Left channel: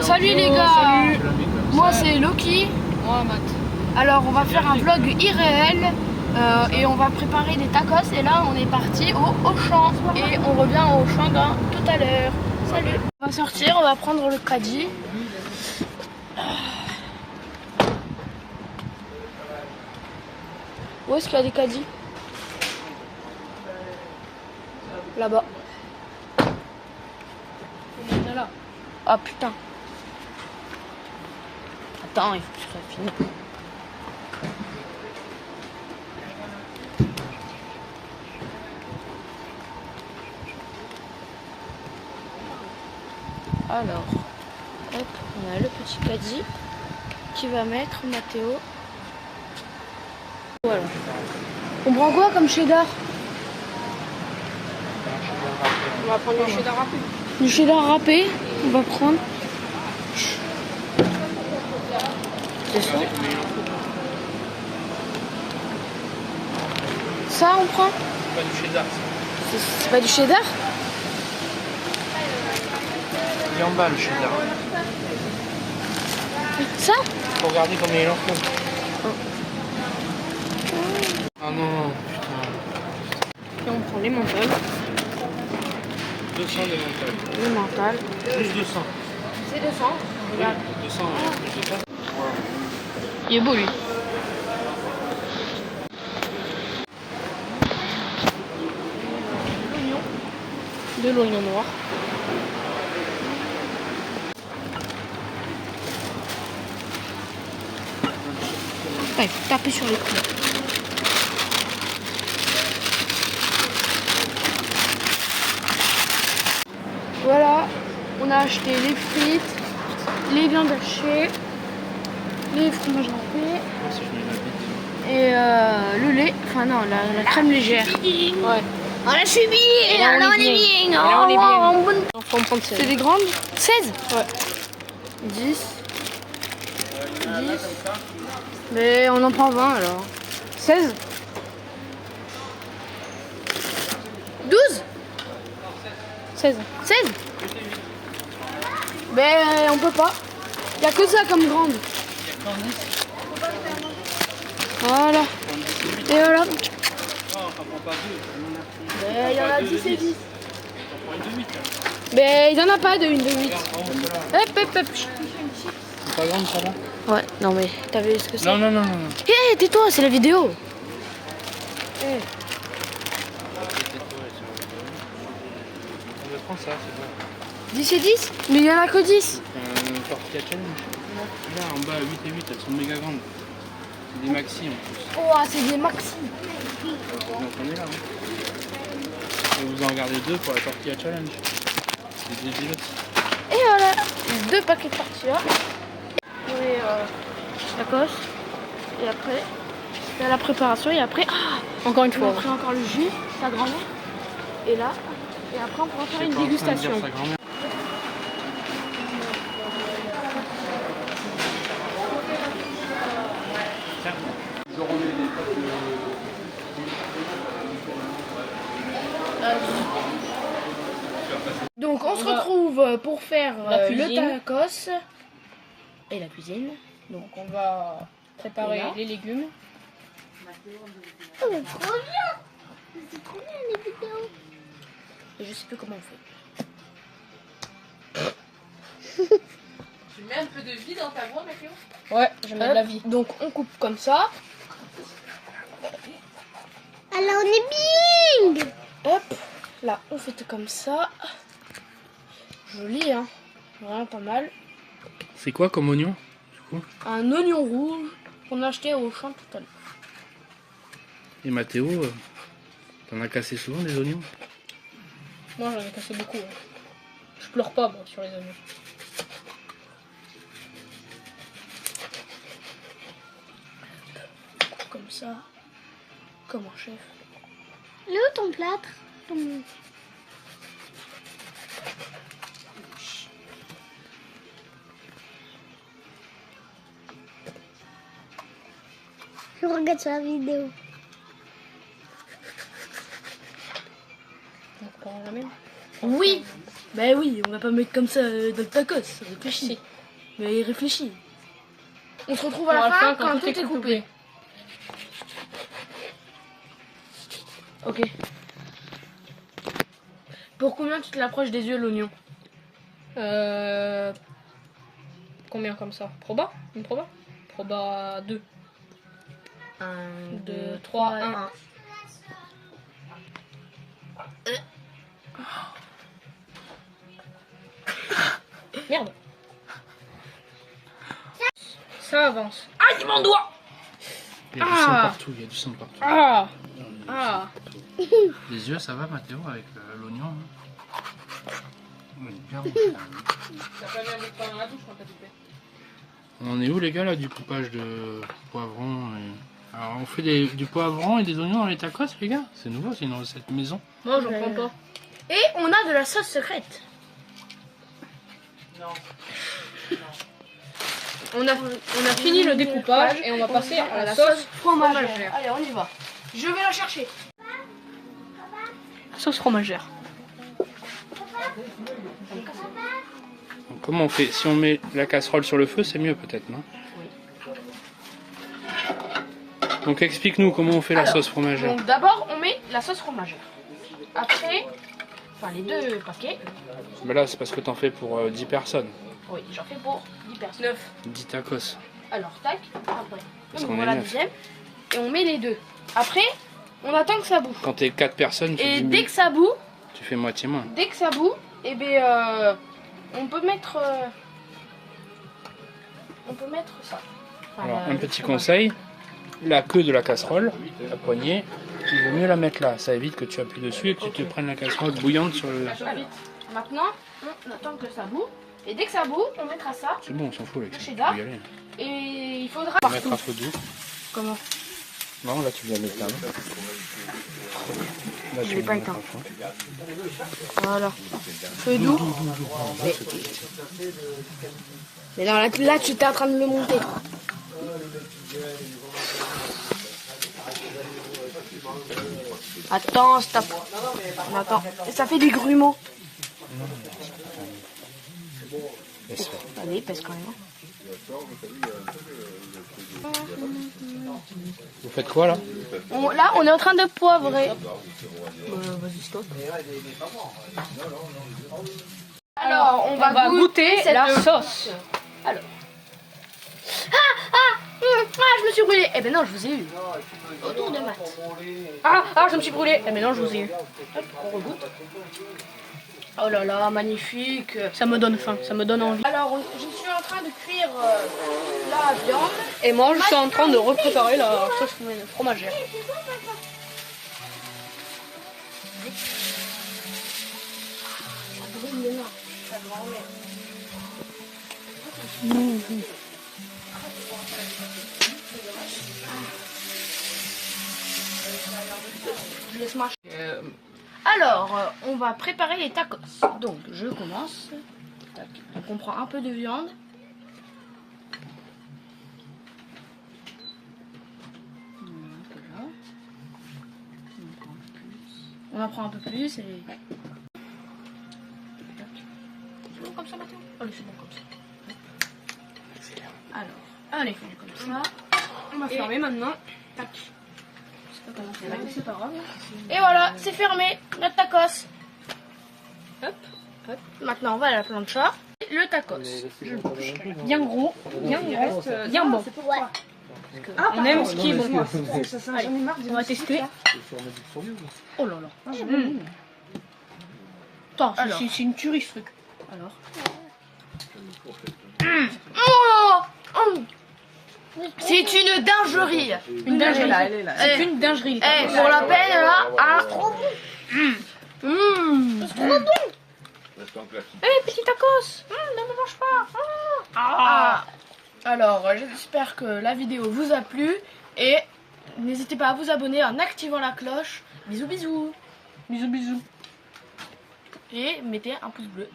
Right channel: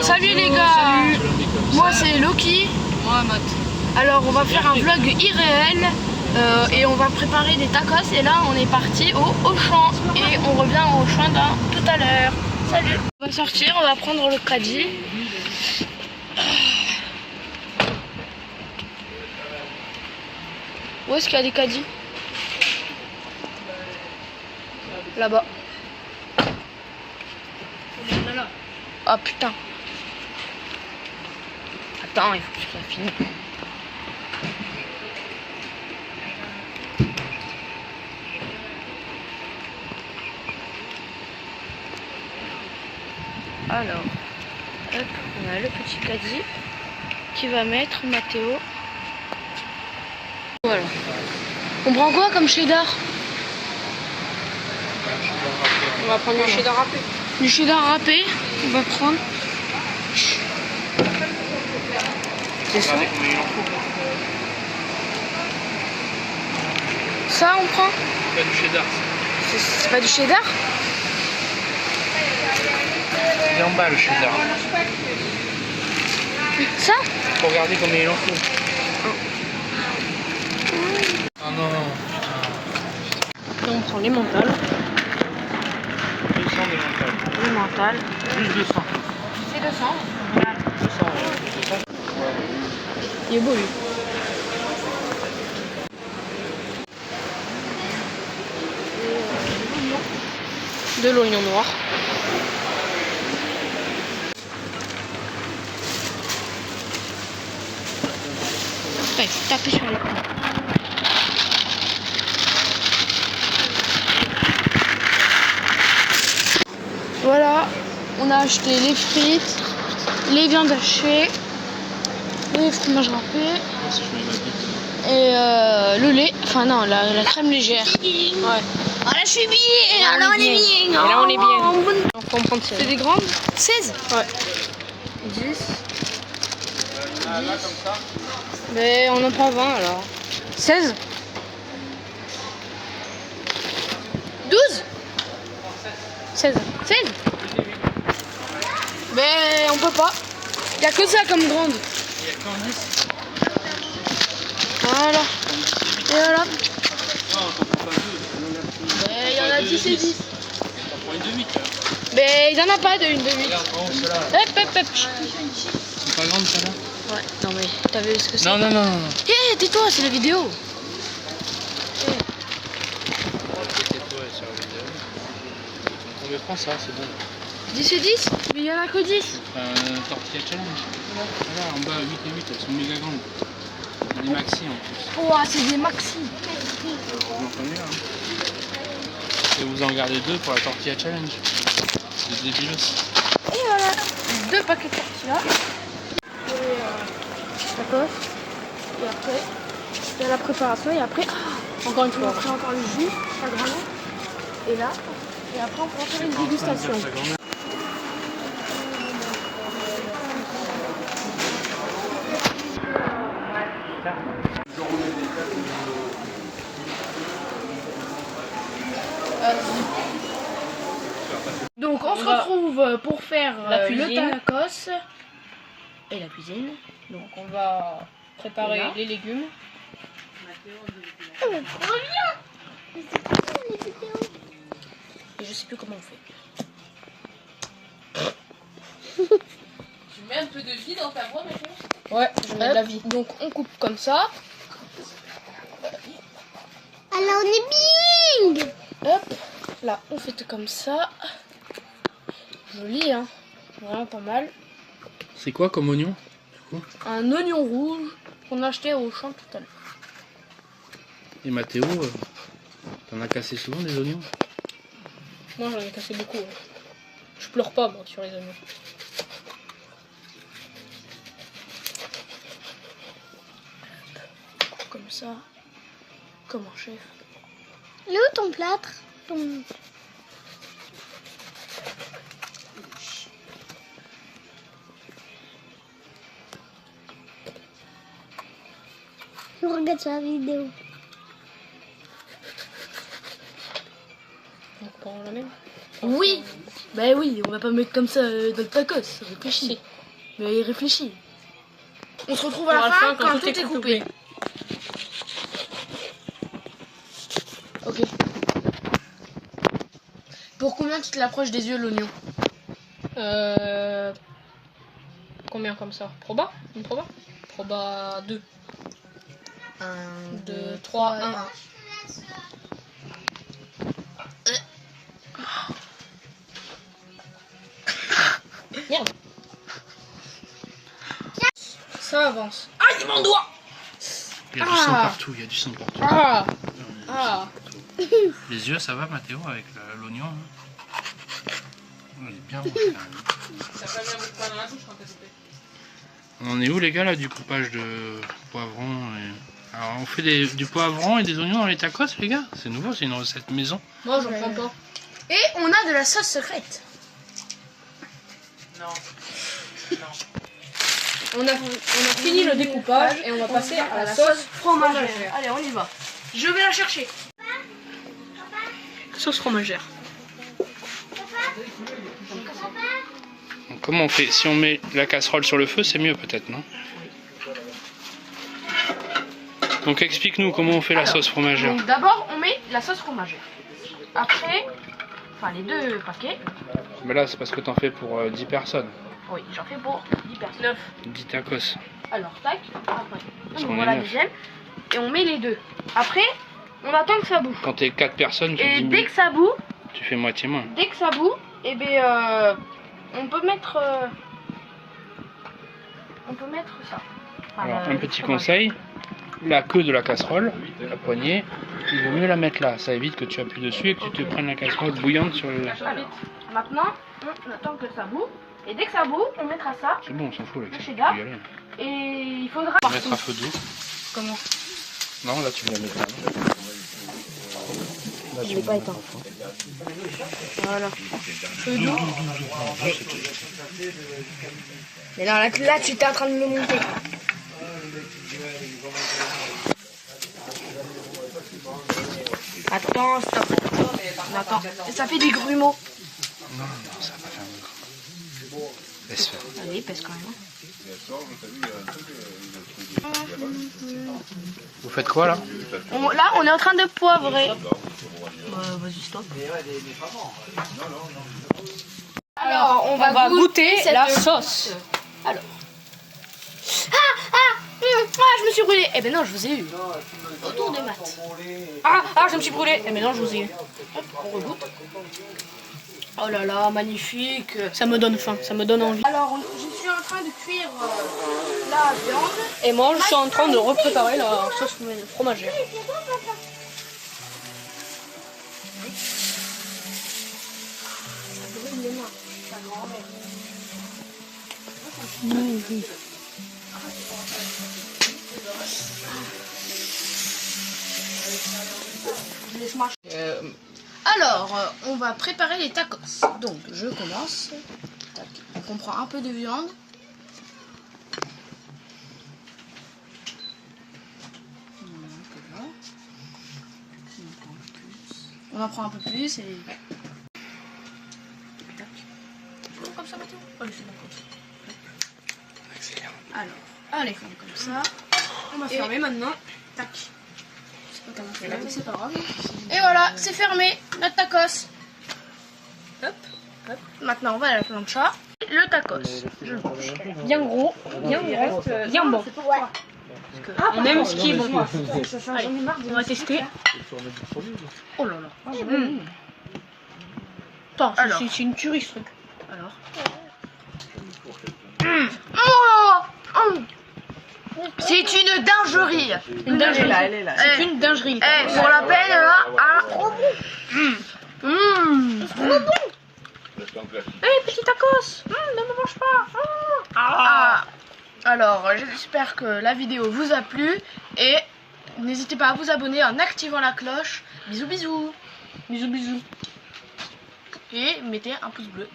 Salut les gars. Moi c'est Loki. Moi, Matt. Alors on va faire un vlog irréel et on va préparer des tacos. Et là on est parti au Auchan et on revient au Auchan dans tout à l'heure. Salut. On va sortir, on va prendre le caddie. Où est-ce qu'il y a des caddies? Là-bas. Ah putain. Attends, il faut que je finisse. Alors, hop, on a le petit caddie qui va mettre Mathéo. Voilà. On prend quoi comme cheddar? On va prendre du cheddar râpé. Du cheddar râpé, on va prendre. C'est ça. Ça on prend? Pas du cheddar. C'est pas du cheddar? Il est en bas le cheddar. Ça? Faut regarder combien il en faut. Oh non. Et on prend les mentales. 200 de mental. Les mentales. Plus 200. C'est 200. 200, ouais. Il est beau lui. De l'oignon noir. Ouais, taper sur le cul. Voilà, on a acheté les frites, les viandes hachées, le fromage râpé et le lait, enfin non, la crème légère. Ouais. On a subi. Et là on est bien. Et là on est bien. Il faut en prendre 16. C'est des grandes? 16? Ouais. 10. Mais on en prend 20 alors. 16? 12? 16. 16? Mais on peut pas. Il n'y a que ça comme grande. Voilà. Et voilà. Mais il y en a 10 et 10. Mais il n'y en a pas de une de 8. C'est pas grande ça là? Ouais, non mais t'as vu ce que c'est? Non. Hé, tais-toi, c'est la vidéo. Hey. On le prend ça, c'est bon. 10 et 10? Mais il y en a que 10. Tortilla challenge. Voilà, en bas 8 et 8, elles sont méga grandes. C'est des maxi en plus. Oh, c'est des maxi. Donc on est là. Hein. Et vous en gardez 2 pour la tortilla challenge. C'est des débiles aussi. Et voilà, 2 paquets de tortilla. Pour les tacos. Et après, il y a la préparation. Et après, Encore une fois. après encore le jus, pas grave. Et là, et après on pourra faire une dégustation. Donc on se retrouve pour faire le tacos et la cuisine. Donc on va préparer Là. les légumes. Et je sais plus comment on fait. Tu mets un peu de vie dans ta voix, Mathieu? Ouais, je mets de la vie. Donc on coupe comme ça. Alors on est bing. Hop, là on fait comme ça. Joli hein, vraiment pas mal. C'est quoi comme oignon du coup? Un oignon rouge qu'on a acheté au champ tout à l'heure. Et Mathéo, t'en as cassé souvent des oignons? Moi j'en ai cassé beaucoup. Ouais. Je pleure pas moi sur les oignons. Comme ça, comme un chef. Il est où ton plâtre? Je regarde sur la vidéo. Donc on la met. Oui. Bah oui, on va pas mettre comme ça dans le tacos. Réfléchis. Mais réfléchis. On se retrouve à la fin quand tout est coupé. Ok. Pour combien tu te l'approches des yeux l'oignon? Combien comme ça? Proba? Une proba? Proba 2. 1, 2, 3, 1. Merde. Ça avance. Ah, il mon doigt. Il y a du sang partout, il y a du sang partout. Ah. Ah. Les yeux, ça va Mathéo avec l'oignon hein? On est bien. On en est où les gars là du coupage de poivrons et... Alors on fait du poivron et des oignons dans les tacos les gars? C'est nouveau, c'est une recette maison. Non, j'en prends pas. Et on a de la sauce secrète. Non. On a fini le découpage et on va passer à la sauce fromagère. Allez, on y va. Je vais la chercher. Sauce fromagère. Donc, comment on fait? Si on met la casserole sur le feu, c'est mieux peut-être, non? Donc explique-nous comment on fait la sauce fromagère. Donc d'abord, on met la sauce fromagère. Après, enfin les 2 paquets. Mais là, c'est parce que t'en fais pour 10 personnes. Oui, j'en fais pour 10 personnes. 9. 10 tacos. Alors, tac, après. Parce On qu'on ouvre est la 9. deuxième. Et on met les 2. Après, on attend que ça boue. Quand t'es 4 personnes, tu Et diminues. dès que ça boue, Tu fais moitié moins. eh ben, on peut mettre... ça. Enfin, Alors, le un petit fromage. conseil, la queue de la casserole, la poignée, il vaut mieux la mettre là. Ça évite que tu appuies dessus et que tu te prennes la casserole bouillante sur le... Allez. Maintenant, on attend que ça boue. Et dès que ça boue, on mettra ça. C'est bon, on s'en fout avec ça. Chez Tu Dab. peux y aller. Et il faudra... Mettre à feu doux. Comment? Non, là tu vas mettre là. Là, tu l'ai vas pas mettre éteint. à fond. Voilà. Feu doux. Mais là, tu étais en train de le monter. Attends, stop. Attends. Ça fait des grumeaux. Non, ça va pas faire un micro. Laisse faire. Allez, pèse quand même. Vous faites quoi là? Là, on est en train de poivrer. Vas-y, stop. Alors, on va goûter la cette sauce. Alors. Je me suis brûlée. Eh ben non, je vous ai eu. Autour de maths. Je me suis brûlée. Eh mais non, je vous ai eu. Hop, on regoute. Oh là là, magnifique. Ça me donne faim, ça me donne envie. Alors, je suis en train de cuire la viande. Et moi, je suis en train de repréparer la sauce fromagère. Ça brûle les mains. Ça me rend laid. Je laisse marcher. Alors, on va préparer les tacos. Donc, je commence. Tac. Donc, on prend un peu de viande. On en prend un peu plus et... Tac. C'est bon comme ça, Mathéo? Allez, c'est bon comme ça. Accélère. Alors, allez, on fait comme ça. On va Et- fermer maintenant. Tac. Je sais pas comment faire, c'est pas grave. Et voilà, c'est fermé, notre tacos. Hop, hop. Maintenant, on va à la plancha. Le tacos. Bien gros, bien grand, bien bon. On aime ce qui est bon. Allez, on va tester. Oh là là. Attends, Alors. c'est une tuerie ce truc. Alors. C'est une dinguerie. Une dinguerie. elle est là. C'est une dinguerie. Pour la peine, là, trop bon. Trop bon. Petit tacos. Ne me mange pas. Alors, j'espère que la vidéo vous a plu et n'hésitez pas à vous abonner en activant la cloche. Bisous, bisous. Bisous, bisous. Et mettez un pouce bleu.